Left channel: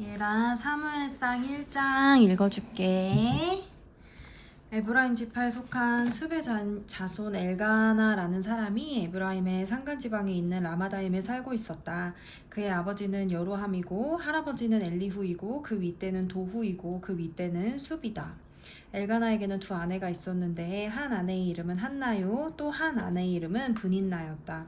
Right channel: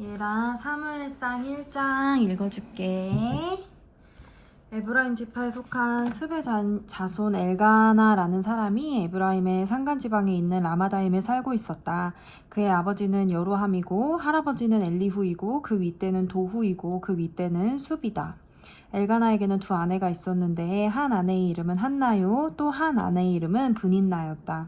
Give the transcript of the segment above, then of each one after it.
얘랑 사무엘상 1장 읽어줄게. 에브라임 지파에 속한 숲의 자손 엘가나라는 사람이 에브라임의 산간지방에 있는 라마다임에 살고 있었다. 그의 아버지는 여로함이고 할아버지는 엘리후이고 그 윗대는 도후이고 그 윗대는 숲이다. 엘가나에게는 두 아내가 있었는데 한 아내의 이름은 한나요, 또 한 아내의 이름은 브닌나였다.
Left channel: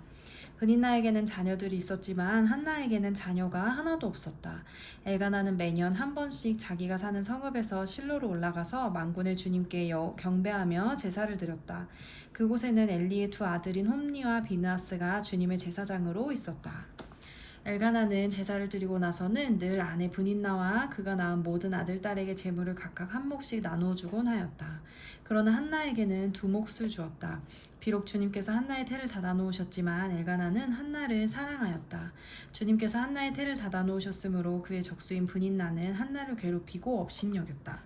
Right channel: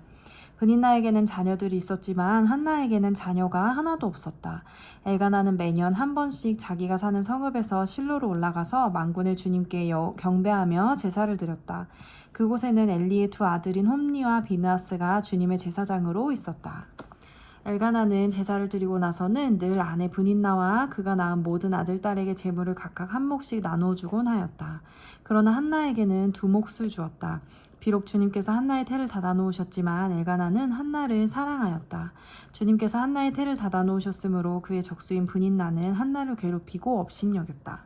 브닌나에게는 자녀들이 있었지만 한나에게는 자녀가 하나도 없었다. 엘가나는 매년 한 번씩 자기가 사는 성읍에서 실로로 올라가서 만군의 주님께 경배하며 제사를 드렸다. 그곳에는 엘리의 두 아들인 홈니와 비느하스가 주님의 제사장으로 있었다. 엘가나는 제사를 드리고 나서는 늘 아내 브닌나와 그가 낳은 모든 아들, 딸에게 재물을 각각 한 몫씩 나누어 주곤 하였다. 그러나 한나에게는 두 몫을 주었다. 비록 주님께서 한나의 태를 닫아 놓으셨지만 엘가나는 한나를 사랑하였다. 주님께서 한나의 태를 닫아 놓으셨으므로 그의 적수인 브닌나는 한나를 괴롭히고 업신여겼다.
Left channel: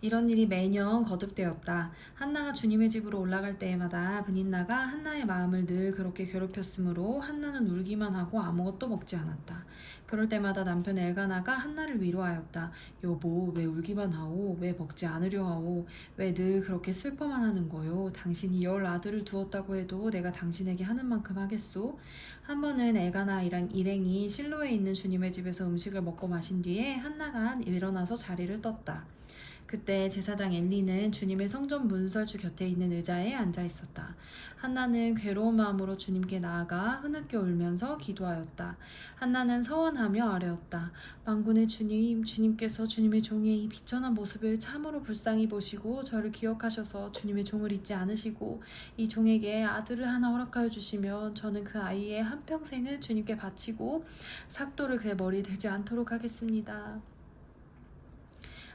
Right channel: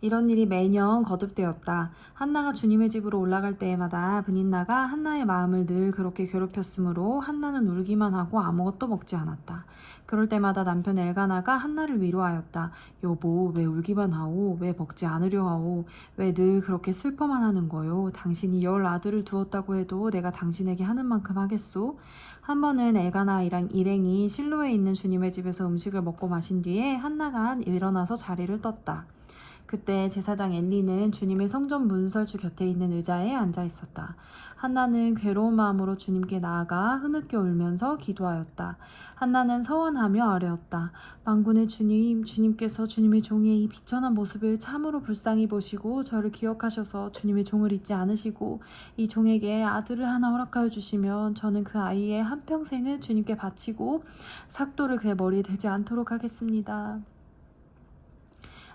이런 일이 매년 거듭되었다. 한나가 주님의 집으로 올라갈 때마다 브닌나가 한나의 마음을 늘 그렇게 괴롭혔으므로 한나는 울기만 하고 아무것도 먹지 않았다. 그럴 때마다 남편 엘가나가 한나를 위로하였다. 여보, 왜 울기만 하오? 왜 먹지 않으려 하오? 왜 늘 그렇게 슬퍼만 하는 거요? 당신이 10 아들을 두었다고 해도 내가 당신에게 하는 만큼 하겠소? 한 번은 엘가나 일행이 실로에 있는 주님의 집에서 음식을 먹고 마신 뒤에 한나가 일어나서 자리를 떴다. 그때 제사장 엘리는 주님의 성전 문설주 곁에 있는 의자에 앉아 있었다. 한나는 괴로운 마음으로 주님께 나아가 흐느껴 울면서 기도하였다. 한나는 서원하며 아뢰었다. 만군의 주님, 주님께서 주님의 종의 이 비천한 모습을 참으로 불쌍히 보시고 저를 기억하셔서 주님의 종을 잊지 않으시고 이 종에게 아들을 하나 허락하여 주시면 저는 그 아이의 한평생을 주님께 바치고 삭도를 그의 머리에 대지 않도록 하겠습니다.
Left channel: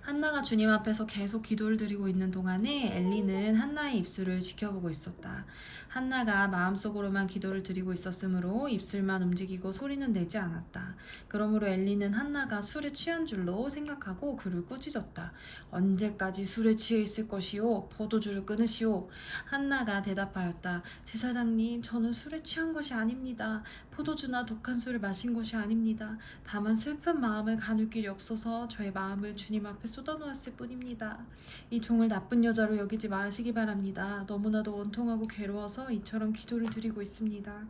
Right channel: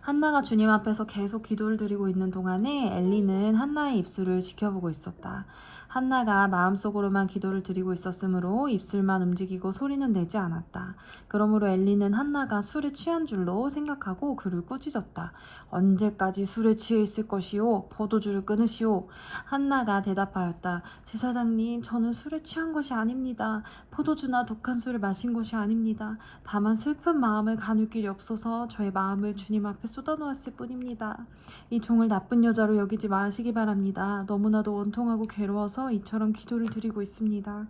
한나가 주님 앞에서 계속 기도를 드리고 있는 동안에 엘리는 한나의 입술을 지켜보고 있었다. 한나가 마음속으로만 기도를 드리고 있었으므로 입술만 움직이고 소리는 내지 않았다. 그러므로 엘리는 한나가 술에 취한 줄로 생각하고 그를 꾸짖었다. 언제까지 술에 취해 있을 것이오? 포도주를 끊으시오. 한나가 대답하였다. 제사장님, 저는 술에 취한 것이 아닙니다. 포도주나 독한 술을 마신 것이 아닙니다. 다만 슬픈 마음을 가눌 길이 없어서 저의 마음을 주님 앞에 쏟아놓았을 뿐입니다. 이 종을 나쁜 여자로 여기지 마시기 바랍니다. 너무나도 원통하고 괴로워서 이처럼 기도를 드리고 있습니다.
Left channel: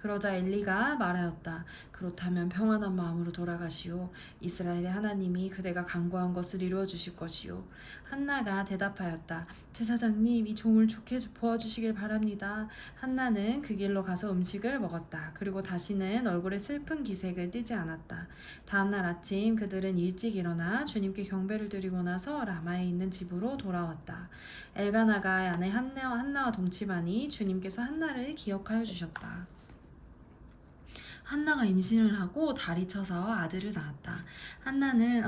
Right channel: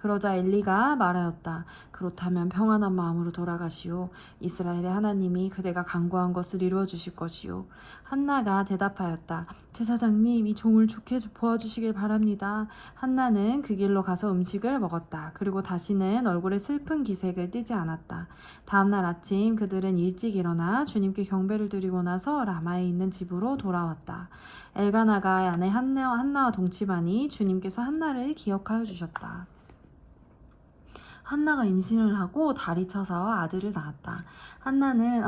그러자 엘리가 말하였다. 그렇다면 평안한 마음으로 돌아가시오. 이스라엘의 하나님이 그대가 간구한 것을 이루어 주실 것이오. 한나가 대답하였다. 제사장님, 이 종을 좋게 보아주시길 바랍니다. 한나는 그 길로 가서 음식을 먹었다. 그리고 다시는 얼굴에 슬픈 기색을 띠지 않았다. 다음날 아침 그들은 일찍 일어나 주님께 경배를 드리고 나서 라마에 있는 집으로 돌아왔다. 엘가나가 아내 한나와 동침하니 주님께서 한나를 기억하여 주셨다. 한나가 임신을 하고 다리 쳐서 아들을 낳았다. 한나는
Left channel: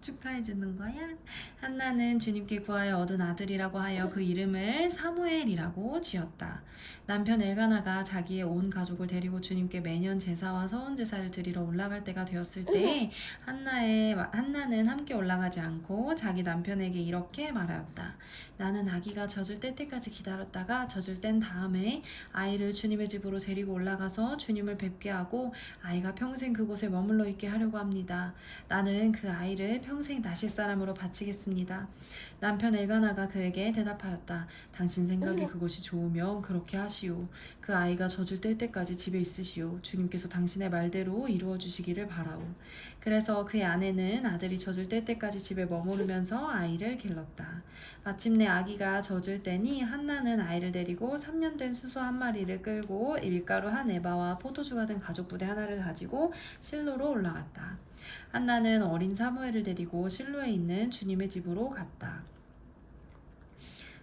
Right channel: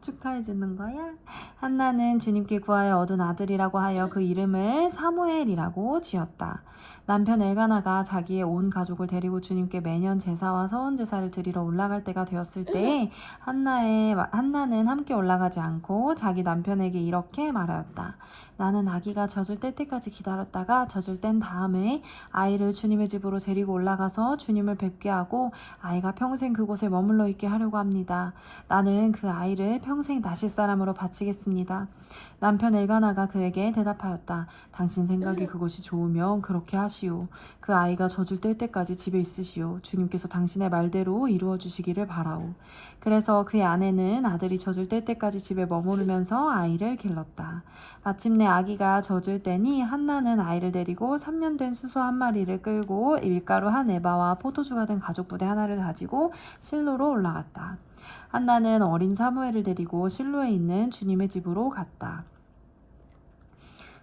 축하해 주는 거야? 한나는 주님께 구하여 얻은 아들이라고 하여 그 이름을 사무엘이라고 지었다. 남편 엘가나가 자기의 온 가족을 데리고 주님께 매년 제사와 서원 제사를 드리러 올라갈 때가 되었을 때 한나는 함께 올라가지 않고 자기 남편에게 이렇게 말하였다. 나는 아기가 젖을 뗄 때까지 기다렸다가 젖을 뗀 다음에 아이를 주님의 집으로 데리고 올라가서 주님을 뵙게 하고 아이가 평생 그곳에 머물러 있게 하려고 합니다. 나는 그 아이를 평생 나실 사람으로 바치겠습니다. 남편 엘가나가 그에게 대답하였다. 당신 생각이 그것이 좋으면 그렇게 하시오. 그 아이가 젖을 뗄 때까지 집에 있으시오. 주님께서 당신의 말대로 이루어 주시기를 바라오. 그래서 그의 아내는 아들이 젖을 뗄 때까지 집에 머무르면서 아이를 길렀다. 마침내 아기가 젖을 때니 한나는 아이를 데리고 3년 된 수소 한 마리를 끌고 밀가루 한 에바와 포도주가 된 가죽 부대 하나를 가지고 실로로 올라갔다. 한나는 어린 사무엘을 데리고 실로에 있는 주님의 집으로 갔다.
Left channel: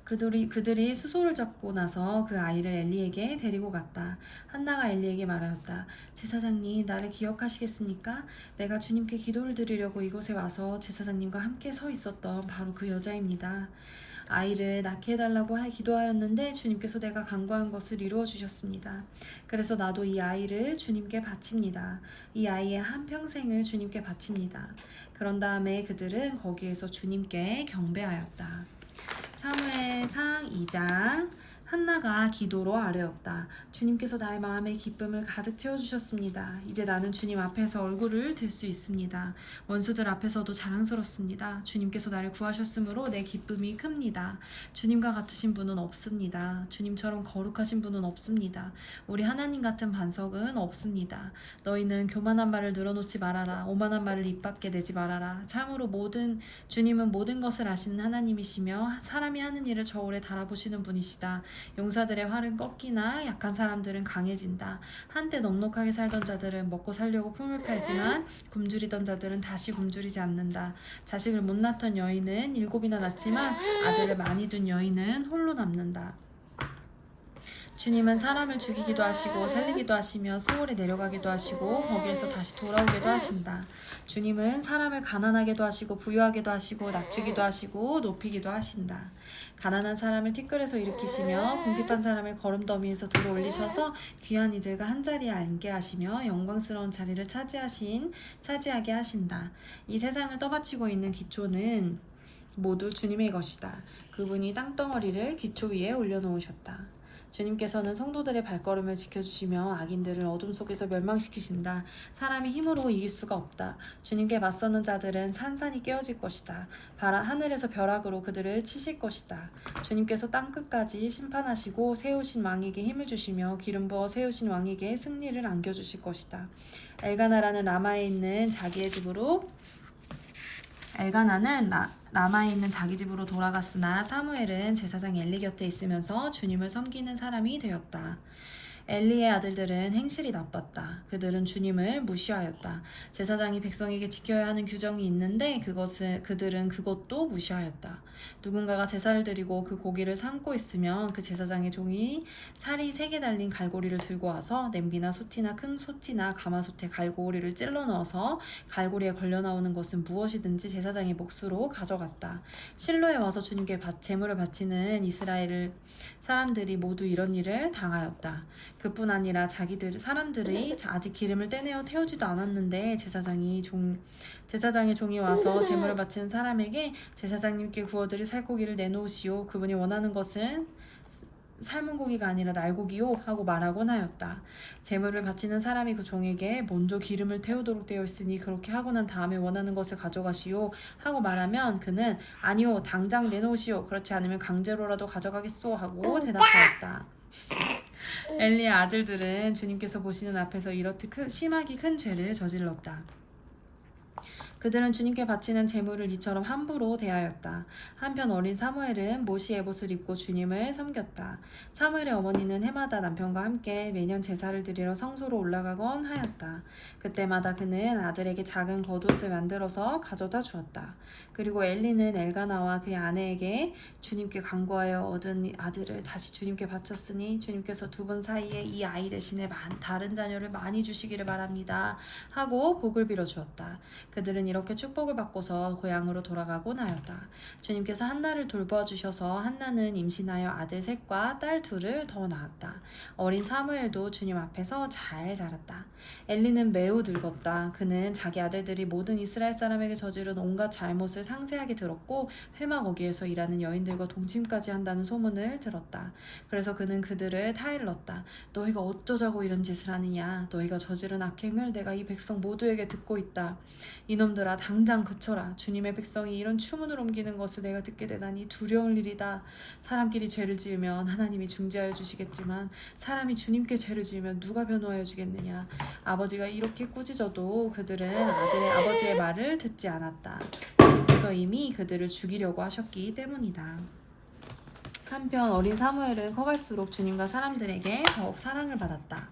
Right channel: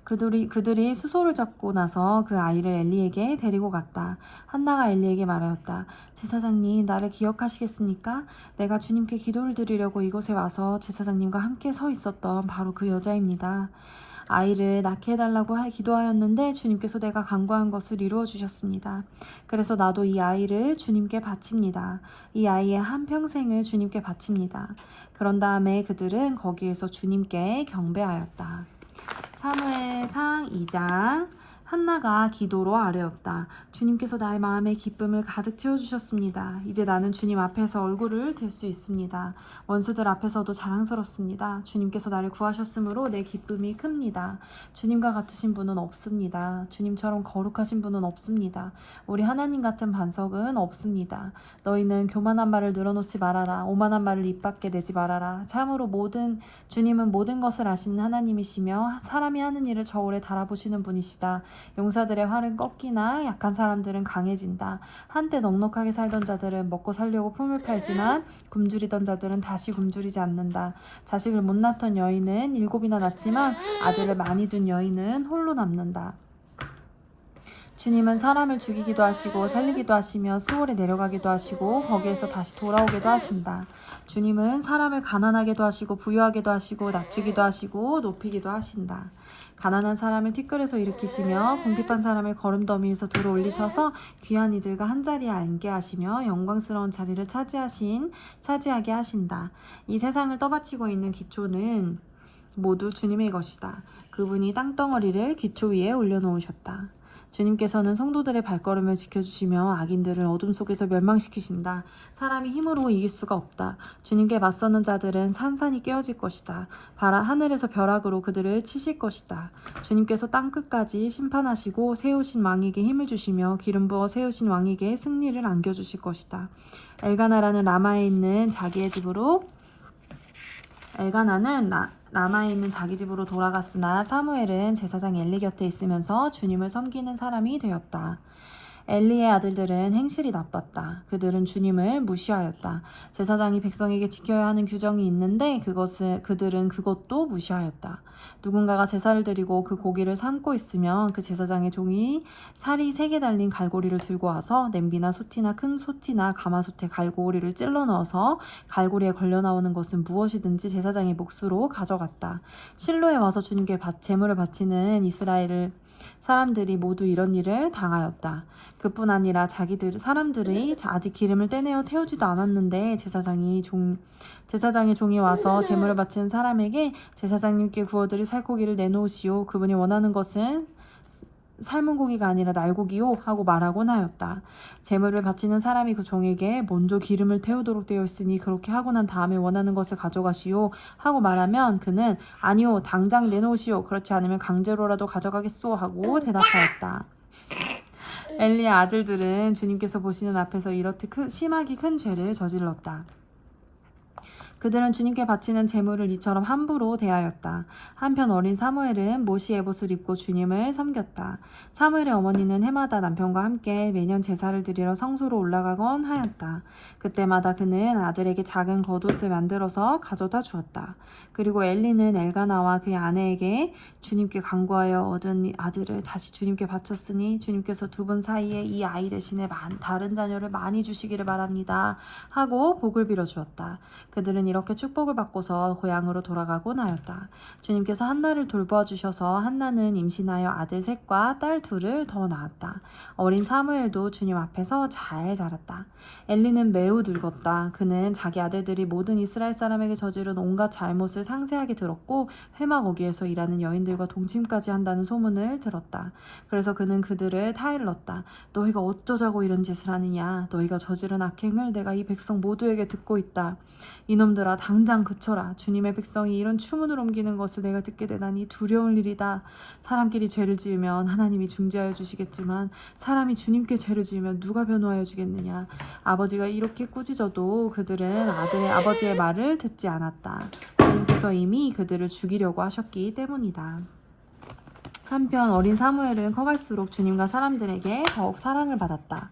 그들이 수소를 잡고 나서 그 아이를 엘리에게 데리고 갔다. 한나가 엘리에게 말하였다. 제사장님, 나를 기억하시겠습니까? 내가 주님께 기도를 드리려고 이곳에 와서 제사장님과 함께 서 있었던 바로 그 여자입니다. 아이를 낳게 해달라고 기도하였는데 주님께서 내가 간구한 것을 이루어 주셨습니다. 그래서 나도 이 아이를 주님께 바칩니다. 이 아이의 한평생을 주님께 바칩니다. 그런 다음에 그들은 거기에서 주님께 경배하였다. 사무엘상 2장 한나가 기도로 아뢰었다. 주님께서 나의 마음에 기쁨을 가득 채워주셨습니다. 이제 나는 주님 앞에서 얼굴을 들 수 있습니다. 원수들 앞에서도 자랑스럽습니다. 주님께서 나를 구하셨으므로 내 기쁨이 큽니다. 주님과 같으신 분은 없습니다. 주님처럼 거룩하신 분은 없습니다. 우리 하나님 같은 반석은 없습니다. 너희는 교만한 말을 늘어놓지 말아라. 오만한 말을 입 밖에 내지 말아라. 참으로 주님은 모든 것을 아시는 하나님이시며 사람이 하는 일을 저울에 달아보시는 분이시다. 용사들의 활은 꺾이나 약한 사람들은 강해진다. 한때 넉넉하게 살던 자들은 먹고 살려고 품을 팔지만 굶주리던 자들은 다시 굶주리지 않는다. 자식을 못 낳던 여인은 7이나 낳지만 아들을 많이 둔 여인은 홀로 남는다. 주님은 사람을 죽이기도 하시고 살리기도 하시며 수월에 내려가기도 하시고 거기에서 다시 돌아오기도 하신다. 주님은 사람을 가난하게도 하시고 부유하게도 하시고 낮추기도 하시고 높이기도 하신다. 가난한 사람을 티끌에서 일으키시며 궁핍한 사람을 거름더미에서 들어 올리셔서 귀한 이들과 한자리에 앉게 하시며 영광스러운 자리를 차지하게 하신다. 이 세상을 떠받치고 있는 기초는 모두 주님의 것이다. 그분이 땅덩어리를 기초 위에 올려놓으셨다. 주님께서는 성도들의 발걸음을 지켜주시며 악인들을 어둠 속에서 멸망시키신다. 사람이 힘으로 이길 수가 없다. 주님께 맞서는 자들은 산산이 깨어질 것이다. 하늘에서 벼락으로 그들을 치실 것이다. 주님께서 땅끝까지 심판하시고 세우신 왕에게 힘을 주시며 기름 부어 세우신 왕에게 승리를 안겨주실 것이다. 엘가나라는 라마에 있는 자기 집으로 돌아갔으나 사무엘은 제사장 엘리 곁에 있으면서 주님을 섬기는 사람이 되었다. 엘리의 아들들은 행실이 나빴다. 그들은 주님을 무시하였다. 제사장이 백성에게 지켜야 하는 규정이 있는데 그들은 그것도 무시하였다. 누군가가 제사를 드리고 그 고기를 삶고 있으면 그 제사장의 종이 살이 3개 달린 갈고리를 들고 와서 냄비나 소티나 큰 소티나 가마솥에 갈고리를 찔러 넣어서 갈고리에 걸려 나오는 것은 무엇이든지 제사장의 몫으로 가져갔다. 실로에 와서 주님께 제물을 바치는 이스라엘 사람들이 모두 이런 일을 당하였다. 그뿐 아니라 사람들이 아직 기름을 떼내어 태우지도 않았는데 제사장의 종이 와서 제물을 바치는 사람에게 제사장님께 구워드릴 살코기를 내놓으시오. 그분이 원하는 것은 삶은 고기가 아니라 날고기요 하고 말하곤 하였다. 제물을 바치는 사람이 그 종에게 먼저 기름을 태우도록 되어 있으니 그렇게 하고 난 다음에 원하는 것을 가져가시오 하고 말하면 그는 아니요 당장 내놓으시오. 그렇지 않으면 강제로라도 가져가겠소 하고 대답하였다. 엘리의 아들들은 주님께서 보시는 앞에서 이렇듯 심하게 큰 죄를 저질렀다. 그들은 주님께 바치는 제물을 이처럼 함부로 대하였다. 한편 어린 사무엘은 모시 에봇을 입고 주님을 섬겼다. 사무엘의 어머니는 해마다 남편과 함께 매년 제사를 드리러 성소로 올라가곤 하였다. 그때마다 그는 아들에게 작은 겉옷을 만들어서 가져다 주었다. 그리고 엘리는 엘가나와 그의 아내에게 주님께 간구하여 얻은 아들을 다시 주님께 바쳤으니 주님께서 두 분 사이에 이 아이 대신에 다른 자녀를 많이 주시기를 바랍니다 하고 복을 빌어 주었다. 그들은 이렇게 축복을 받고서 고향으로 돌아가곤 하였다. 주님께서 한나를 돌보아주셔서 한나는 임신하여 아들 셋과 딸 2을 더 낳았다. 어린 사무엘도 주님 앞에서 잘 자랐다. 엘리는 매우 늙었다. 그는 자기 아들들이 모든 이스라엘 사람에게 저지른 온갖 잘못을 상세하게 들었고 회막 어귀에서 일하는 여인들과 동침까지 한다는 소문을 들었다. 그래서 그는 그들을 타일렀다. 너희가 어쩌자고 이런 짓을 하느냐. 너희가 저지른 악행을 내가 이 백성 모두에게 듣고 있다. 이놈들아 당장 그쳐라. 주님의 백성이 이런 추문을 옮기는 것을 내가 듣게 되다니 두려울 일이다. 사람끼리 죄를 지으면 하나님이 중재하여 주시겠지만 사람이 주님께 죄를 지으면 누가 변호하여 주겠느냐. 아버지가 이렇게 꾸짖어도 그들은 아버지의 말을 듣지 않았다. 주님께서 이미 그들을 죽이려고 하셨기 때문이다. 한편 어린 사무엘은 커갈수록 주님과 사람들에게 더욱 사랑을 받았다.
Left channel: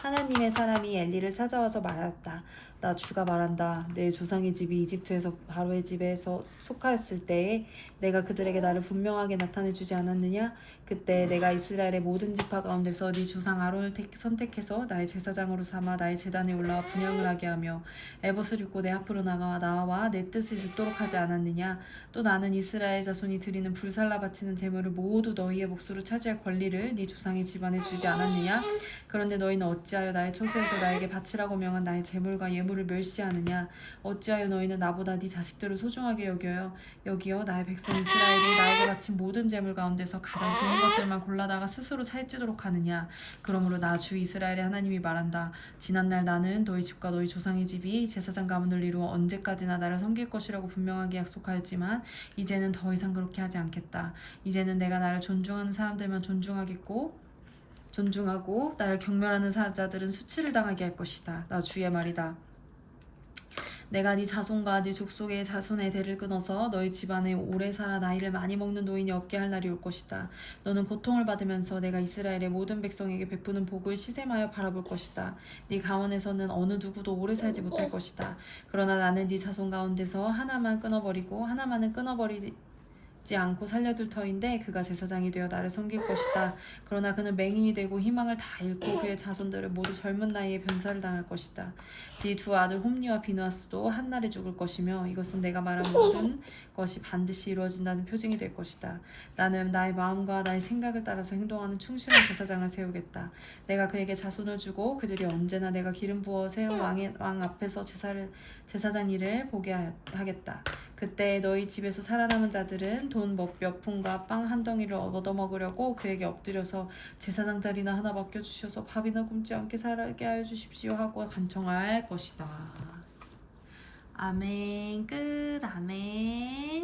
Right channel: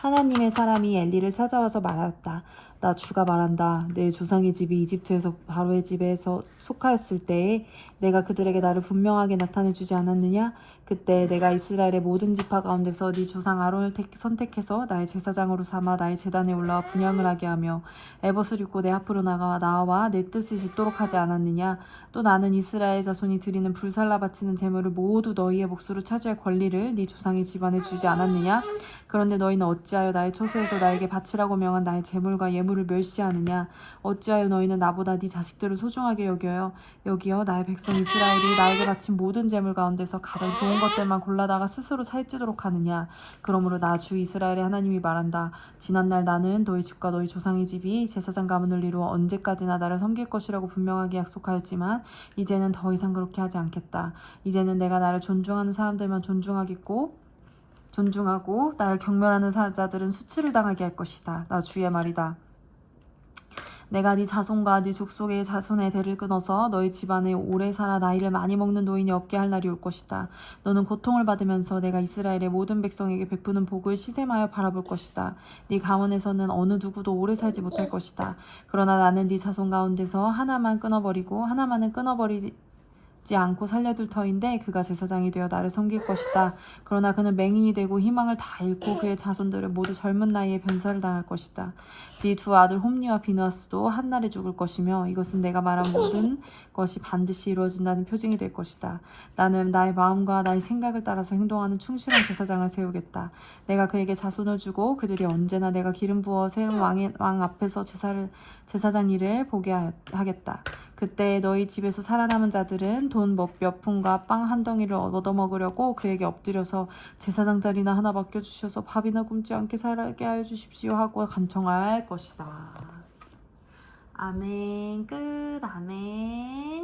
하나님의 사람이 엘리를 찾아와서 말하였다. 나 주가 말한다. 내 조상의 집이 이집트에서 바로의 집에서 속하였을 때에 내가 그들에게 나를 분명하게 나타내주지 않았느냐? 그때 내가 이스라엘의 모든 지파 가운데서 네 조상 아론을 선택해서 나의 제사장으로 삼아 나의 제단에 올라와 분향을 하게 하며 에봇을 입고 내 앞으로 나와 내 뜻을 잇도록 하지 않았느냐? 또 나는 이스라엘 자손이 드리는 불살라 바치는 제물을 모두 너희의 몫으로 차지할 권리를 네 조상의 집안에 주지 않았느냐? 그런데 너희는 어찌하여 나의 처소에서 나에게 바치라고 명한 나의 제물과 예물을 멸시하느냐? 어찌하여 너희는 나보다 네 자식들을 소중하게 여기어 나의 백성 이스라엘이 나에게 바친 모든 제물 가운데서 가장 좋은 것들만 골라다가 스스로 살찌도록 하느냐? 그러므로 나 주 이스라엘의 하나님이 말한다. 지난날 나는 너희 집과 너희 조상의 집이 제사장 가문을 이루어 언제까지나 나를 섬길 것이라고 분명하게 약속하였지만 이제는 더 이상 그렇게 하지 않겠다. 이제는 내가 나를 존중하는 사람들만 존중하고 나를 경멸하는 자들은 수치를 당하게 할 것이다. 나 주의 말이다. 내가 네 자손과 네 족속의 자손의 대를 끊어서 너희 집안에 오래 살아 나이를 많이 먹는 노인이 없게 할 날이 올 것이다. 너는 고통을 받으면서 내가 이스라엘의 모든 백성에게 베푸는 복을 시샘하여 바라볼 것이다. 네 가문에서는 어느 누구도 오래 살지 못할 것이다. 그러나 나는 네 자손 가운데서 하나만은 끊어버리지 않고 살려둘 터인데 그가 제사장이 되어 나를 섬길 것이다. 그러나 그는 맹인이 되고 희망을 다 잃고 그의 자손들은 모두 젊은 나이에 변사를 당할 것이다. 네 두 아들 홈니와 비누아스도 한날에 죽을 것이며 이것은 내가 말한 모든 것이 반드시 이루어진다는 표징이 될 것이다. 나는 나의 마음과 나의 생각을 따라서 행동하는 충실한 제사장을 세우겠다. 내가 그에게 자손을 주고 그들이 언제나 내가 기름 부어 세운 왕 앞에서 제사장 일을 보게 하겠다. 그때 너희 집에서 살아남은 자들은 돈 몇 푼과 빵 한 덩이를 얻어먹으려고 그에게 엎드려서 제사장 자리나 하나 맡겨주셔서 밥이나 굶지 않게 살게 하여 주십시오 하고 간청할 것이다. 아멘. 끝. 아멘.